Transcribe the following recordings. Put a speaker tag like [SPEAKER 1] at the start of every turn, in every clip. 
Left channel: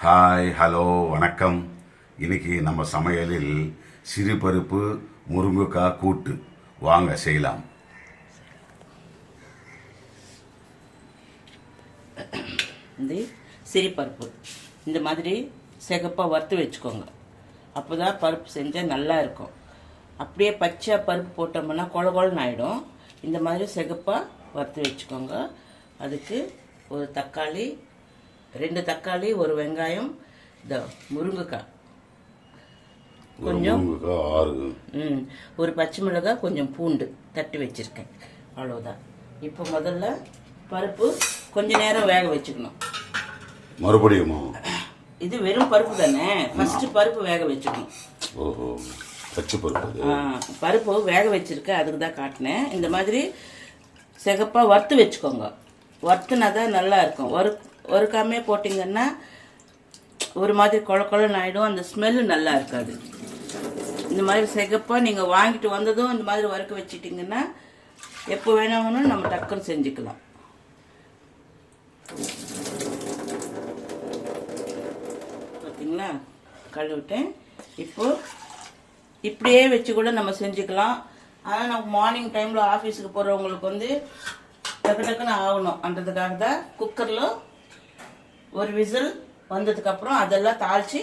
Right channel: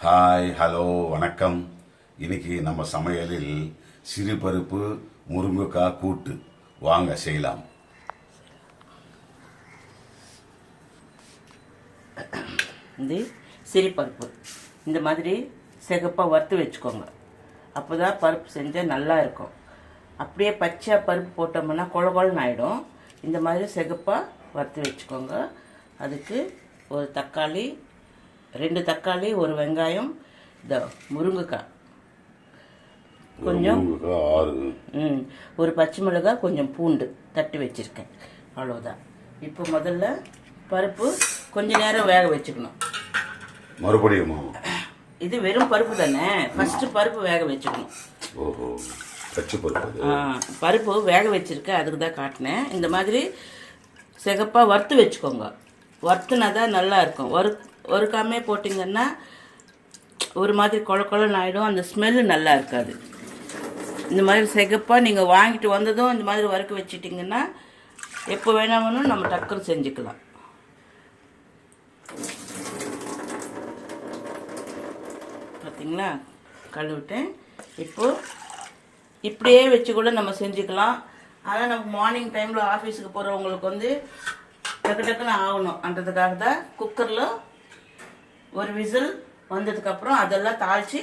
[SPEAKER 1] Hi hello வணக்கம். இன்னைக்கு நம்ம சமையலில் சிறுபருப்பு முருங்கைக்காய் கூட்டு. வாங்க செய்யலாம்.
[SPEAKER 2] இது சிறுபருப்பு. இந்த மாதிரி சிகப்பாக வறுத்து வச்சுக்கோங்க. அப்போ தான் பருப்பு செஞ்சால் நல்லா இருக்கும். அப்படியே பச்சை பருப்பு போட்டோம்னா கொல கொலன்னு ஆகிடும் இந்த மாதிரி சிகப்பாக வறுத்து வச்சுக்கோங்க. அதுக்கு ஒரு தக்காளி ரெண்டு தக்காளி ஒரு வெங்காயம் இந்த முருங்கைக்காய். கொஞ்சம் ம் ஒரு பச்சை மிளகாய் கொஞ்சம் பூண்டு தட்டி வச்சுருக்கேன். அவ்வளோதான் இப்போ முதல்ல பருப்பு கொஞ்ச நேரம் வேக வச்சுக்கணும்.
[SPEAKER 1] மறுபடியுமா?
[SPEAKER 2] இது வெறும் பருப்பு தானே? ஃபர்ஸ்ட் பருப்பு வேக வச்சுக்கணும்.
[SPEAKER 1] ஓஹோ பச்சை பருப்பு.
[SPEAKER 2] வேக வச்சிருக்கேன் அதுக்கு தான் காட்டினேன். இந்த மாதிரி சிகப்பாக வறுத்து வச்சுக்கோங்க. வறுத்துனா தான் நல்லா இருக்கும். வறு வறுக்காமே போட்டிங்கன்னா ஒரு மாதிரி கொழ ஆகிடும் அந்த ஸ்மெல்லு நல்லா இருக்காது. இந்த மாதிரி சிகப்பாக நீங்கள் வாங்கிட்டு வந்ததும் இந்த மாதிரி வறுக்க வச்சிட்டிங்கன்னா எப்போ வேணாலும் நம்ம டக்குன்னு செஞ்சுக்கலாம். பார்த்தீங்களா கழுவிட்டேன். இப்போ இப்படியே வச்சு கூட நம்ம செஞ்சுக்கலாம். ஆனால் நமக்கு மார்னிங் டைமில் ஆஃபீஸுக்கு போகிறவங்களுக்கு வந்து டக்கு டக்குன்னு ஆகணும்ன்றதுக்காக தான் குக்கரில் ஒரு விசில் வந்ததுக்கப்புறம் அதெல்லாம் தாளித்து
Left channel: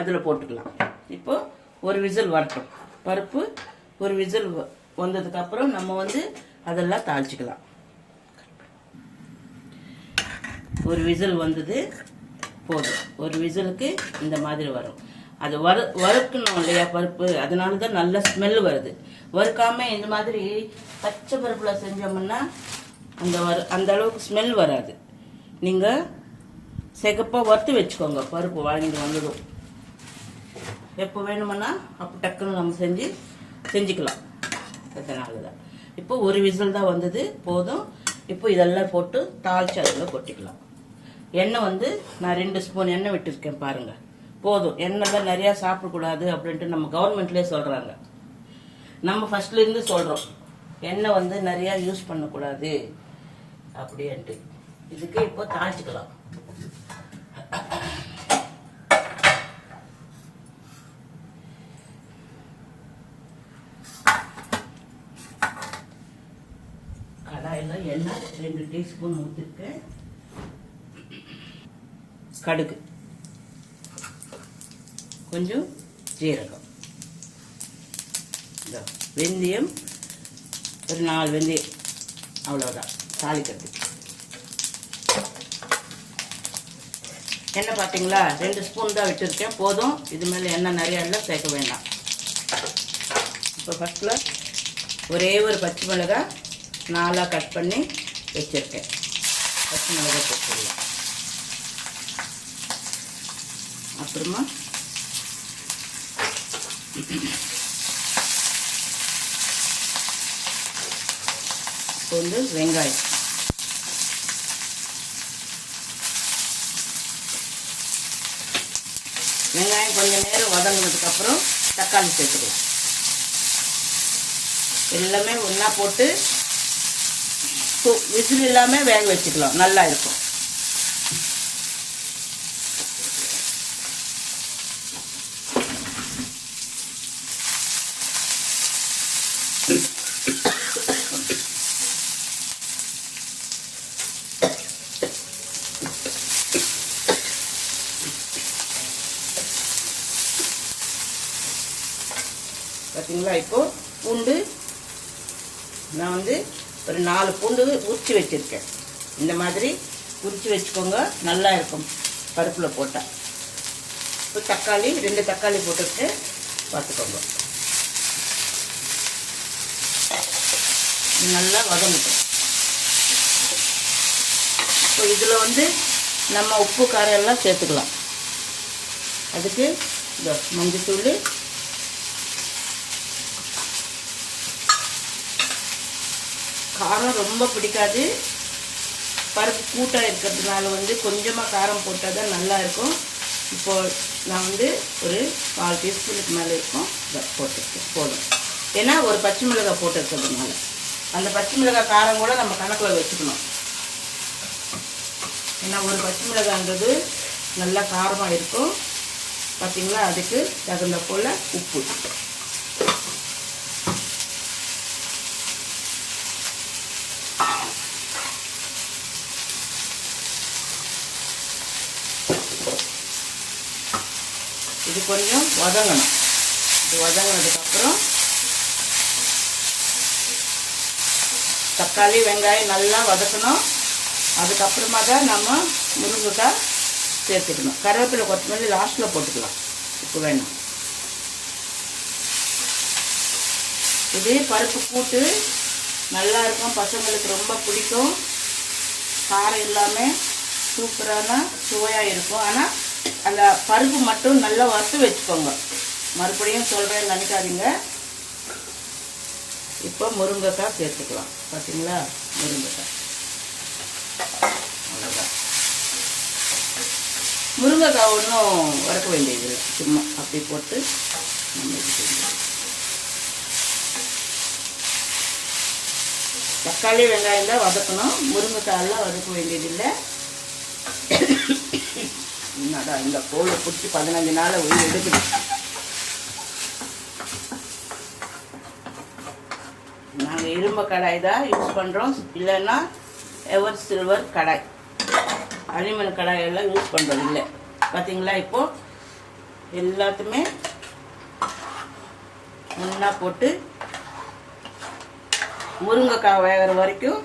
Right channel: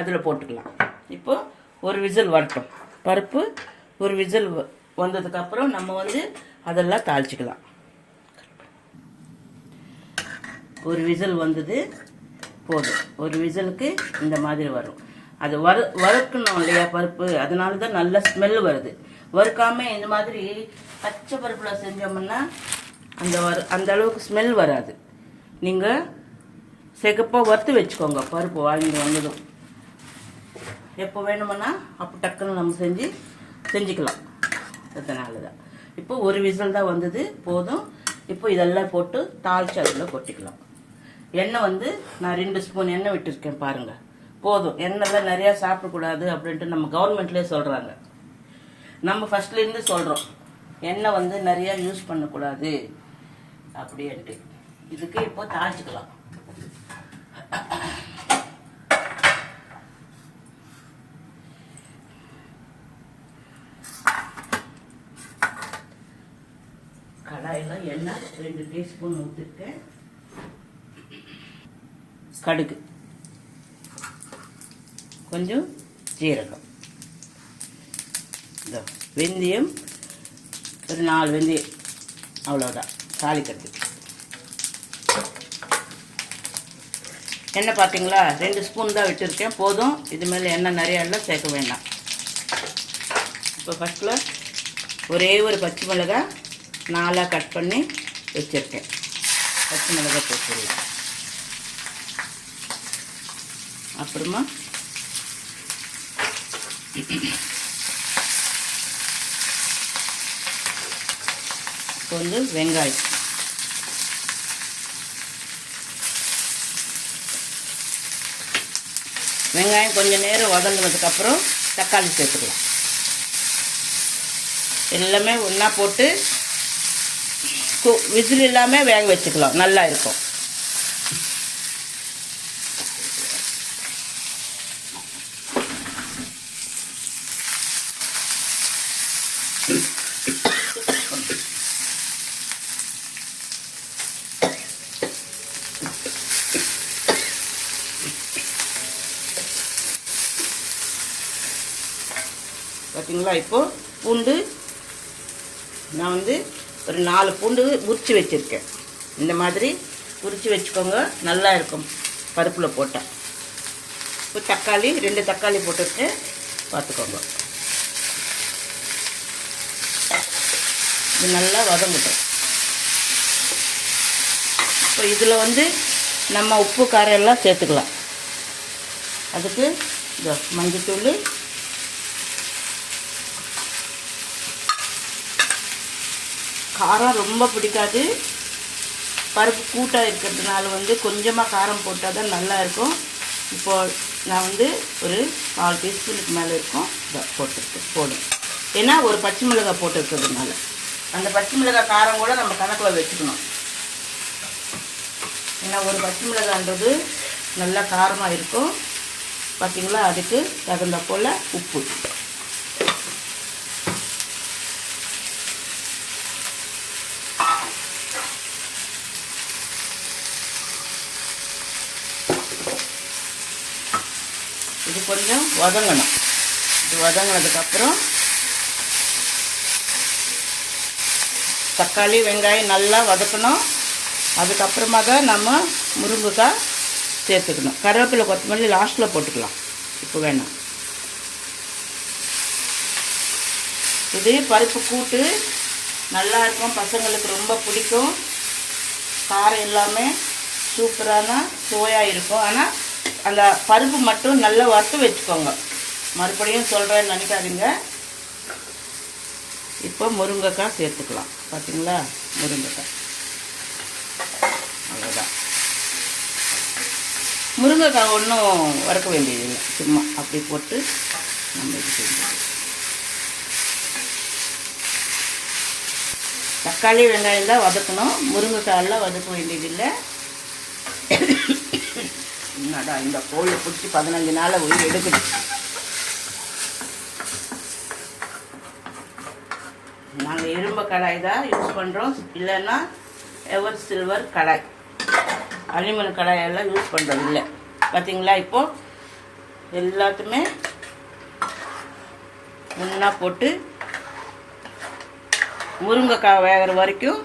[SPEAKER 2] அதில் போட்டுக்கலாம். இப்போ ஒரு விசில் வரட்டும். பருப்பு ஒரு விசில் வந்ததுக்கப்புறம் நம்ம வந்து அதெல்லாம் தாளிச்சிக்கலாம். ஒரு விசில் வந்தது போதும். ஒரு விசிலுக்கு இந்த மாதிரி வரும். அது வறு வறுக்கணும் இல்லையா பருப்பு? அதனால தான் நல்ல ஸ்மெல் வருது. வறுக்காமல் இந்த மாதிரி பச்சை பருப்பில் செஞ்சோம்னா அந்த வறு அந்த அளவுக்கு ஸ்மெல் வராது. நீங்கள் சிகப்பாக வறுத்து வச்சுக்கோங்க. பருப்பு வாங்கி வந்ததும். எப்போ வேணுமன்னா அப்போ டக்குன்னு நம்ம செஞ்சு செஞ்சுக்கலாம். அதனால தான் இப்போ ஒரு விசில் தான் வந்தது. போதும். இப்போ இதெல்லாம் போட்டு தாளிச்சு அதில் கொட்டிக்கலாம். எண்ணெய் வந்து நான் ரெண்டு ஸ்பூன் எண்ணெய் விட்டுருக்கேன் பாருங்கள் போதும். எண்ணெய்லாம் நிறையா சாப்பிடக்கூடாது அப்படின்ட்டு நம்ம கவர்மெண்ட்லேயே சொல்கிறாங்க நம்ம ஃபர்ஸ்ட்லேருந்து சொல்கிறோம் எண்ணெய் வந்து நிறையா யூஸ் பண்ணக்கூடாது அப்படின்ட்டு. இதுக்கு இப்போ தாளிச்சுக்கலாம் கடாயில் எண்ணெய் ரெண்டு டீஸ்பூன் ஊற்றிருக்கேன் கடுகு. கொஞ்சம் ஜீரகம். வெந்தயம் ஒரு நாலு வெந்தயம் அவ்வளோதான் தாளிக்கிறதுக்கு எண்ணெய் பார்த்தீங்களா ரெண்டு ஸ்பூன் தான் விட்டுருக்கேன் போதும். இது மேலே எண்ணெய் நிறைய இல்லை சேர்க்க வேண்டாம் இப்போ ஃபஸ்ட்டில் ஒரே ஒரு பச்சை மிளகாய் நாலாக கட் பண்ணி வச்சுருக்கேன். பச்சை மிளகாய் போட்டுருவேன் அப்புறமா இப்போ வந்து வெங்காயம். வெங்காயம் கொஞ்சம் நேரம் வதங்கினதுக்கு அப்புறம் தக்காளி சேர்த்துக்கலாம். எல்லாமே ஒன்றா போட்டு விசில் இல்லாமல் வேக வச்சுக்கலாம். நல்லா இருக்கும். பார்த்தீங்களா இப்போ பூண்டு நான் வந்து ஒரு நாலு பூண்டு உரிச்சு வச்சுருக்கேன். இந்த மாதிரி உரிச்சு வச்சுக்கோங்க நல்லா இருக்கும் பருப்பில் போட்டால் இப்போ தக்காளி ரெண்டு தக்காளி போட்டுட்டு பார்த்துக்கோங்க. இது நல்லா வதங்கட்டும். இப்போ இதில் வந்து நம்ம உப்பு காரம் எல்லாம் சேர்த்துக்கலாம். அதுக்கு இந்த மஞ்சத்தூள் காரம் ரொம்ப பிடிக்காது. பருப்பு கூட்டாக இருக்கிறதுனால வந்து கொஞ்சமாக காரம் போட்டால் தான் நல்லா இருக்கும். இப்போ நான் வந்து ஒரு நாலு டீஸ்பூனுக்கு மேலே இருக்கும். இதை போட்டுருக்கேன் போடும் ஏன்னா ஒரு பச்சை மிளகாய் போட்டிருக்கிறதுனால. அந்த பச்சை மிளகாய் காரம் கூட நம்ம கணக்கில் வச்சுக்கணும். ஏன்னா ஒரு பச்சை மிளகான்றது நல்லா காரமாக இருக்கும். பார்த்தீங்களா அதுக்கு தகுந்த போல் உப்பு. இது கொஞ்சம் வதங்கணும். இது வதங்கினதுக்கப்புறம் தக்காளி வெங்காயம் நல்லா வதக்கணும். அதுக்கப்புறமா தான் நம்ம முருங்கைக்காய் சேர்த்துக்கணும். கருவேப்பிலை கொத்தமல்லி லாஸ்ட்டில் போட்டுக்கலாம். இப்போ வேணும் இது பருப்பு கூட்டு நல்லா இருக்கும். பசங்களுக்கு ரொம்ப பிடிக்கும். காரம் இல்லாமல் சூப்பரான சுவையாக இருக்கும். ஆனால் அந்த பருப்பு மட்டும் நல்லா வறுத்து வச்சுக்கோங்க. மறுபடியும் சொல்கிறேன்னு நினைக்காதீங்க. இப்போ முருங்கைக்காய் சேர்த்துக்கலாம். பார்த்தீங்களா முருங்கைக்காய். அவ்வளோதான் முருங்கைக்காய் ஒன்றும் வறுக்க வேண்டியதில்லை. சும்மா அப்படி போட்டு நம்ம தக்காளி வெங்காயம் தான் வதக்கணும். முருங்கைக்காயெல்லாம் வதக்க வேண்டியதில்லை. என்னடா இந்த கோழி பிடிச்சி பதினஞ்சு நாளில் உயிர் எடுக்குது நாங்கள் இரும்பு கடாய் தான் யூஸ் பண்ணுறோம் இல்லைன்னா எவர் சில்வர் கடாய். அலுமினியம் கடாய் எல்லாம் யூஸ் பண்ணுறது இல்லை பார்த்தீங்களா இப்போ? எல்லாத்துமே ஒன்றா போட்டு முருங்கைக்காய் வேகிற வரைக்கும்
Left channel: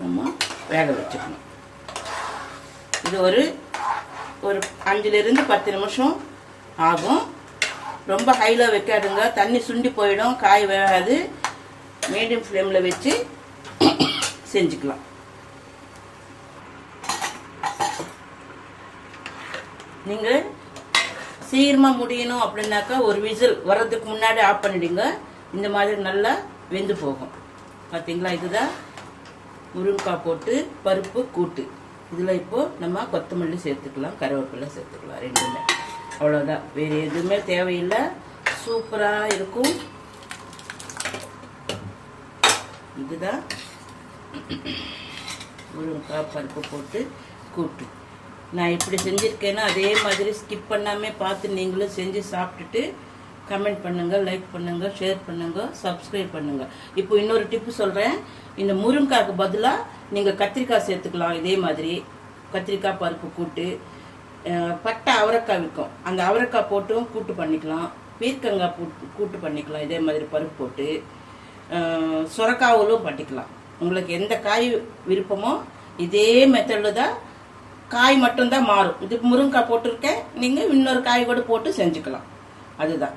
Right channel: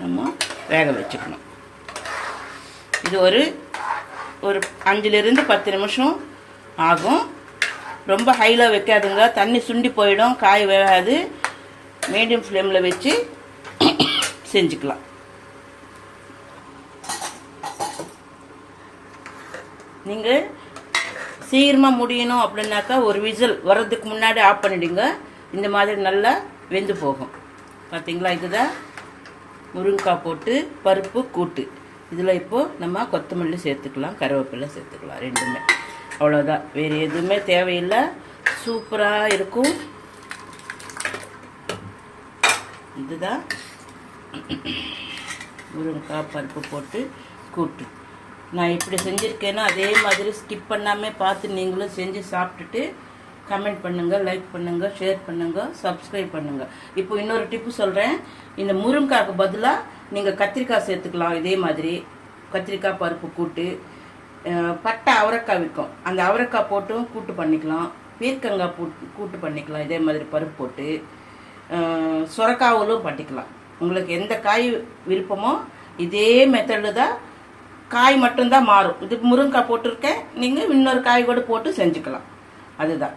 [SPEAKER 2] நம்ம வேக வச்சுக்கணும். இது ஒரு ஒரு அஞ்சுலேருந்து பத்து நிமிஷம் ஆகும். ரொம்ப ஹையில் வைக்காதுங்க. தண்ணி சுண்டி போயிடும். காய் வேகாது மீடியம் ஃப்ளேமில் வச்சு செஞ்சுக்கலாம். நீங்கள் சீக்கிரமாக முடியணும் அப்படின்னாக்கா ஒரு விசில் வர்றதுக்கு முன்னாடி ஆஃப் பண்ணிடுங்க. இந்த மாதிரி நல்லா வெந்து போகும். பார்த்தீங்களா இதுதான் முருங்கைக்காய் போட்டு பருப்பு கூட்டு. இதில் இப்போது நம்ம கொத்தமல்லி சேர்த்துக்கலாம் கருவேப்பிலை சேர்த்துக்கலாம் ரெண்டுமே. அவ்வளோதான் வேறு எதுவுமே தேவையில்லை. சூப்பராக இருக்கும். இதுதான். முருங்கைக்காய் பருப்பு போட்டு கூட்டு. நான் இப்படி செஞ்சுருக்கேன்னா அதே மாதிரி ஸ்கிப் பண்ணாமல் பார்த்து நீங்களும் செஞ்சு சாப்பிட்டுட்டு கமெண்ட் பண்ணுங்கள் லைக் பண்ணுங்கள் ஷேர் பண்ணுங்கள் சப்ஸ்கிரைப் பண்ணுங்கள் இப்போ இன்னொரு டிப்பு சொல்கிறேன் இந்த முருங்காய்க்கு பதிலாக நீங்கள் கத்திரிக்காய் சேர்த்துக்கலாம். இதே மாதிரி கத்திரிக்காய் பருப்பு கூட்டு பட்டை அவரைக்காய் விற்கும். அந்த அவரைக்காய் போட்டும் கூட்டு பண்ணிக்கலாம். பீர்க்கங்காய் போட்டு கூட்டு பண்ணிக்கலாம். இதே மாதிரி பருப்பு போட்டு சுரக்காவிலும் பண்ணிக்கலாம். உங்களுக்கு எந்த காய் விருப்பமோ இதே மெத்தடில் தான் காய் மட்டும்தான் மாறும். இது முருங்கைக்காய் போட்டிருக்கேன். நீங்கள் இன்னொரு காய் கூட போட்டு செஞ்சுக்கலாம். அதுதான்.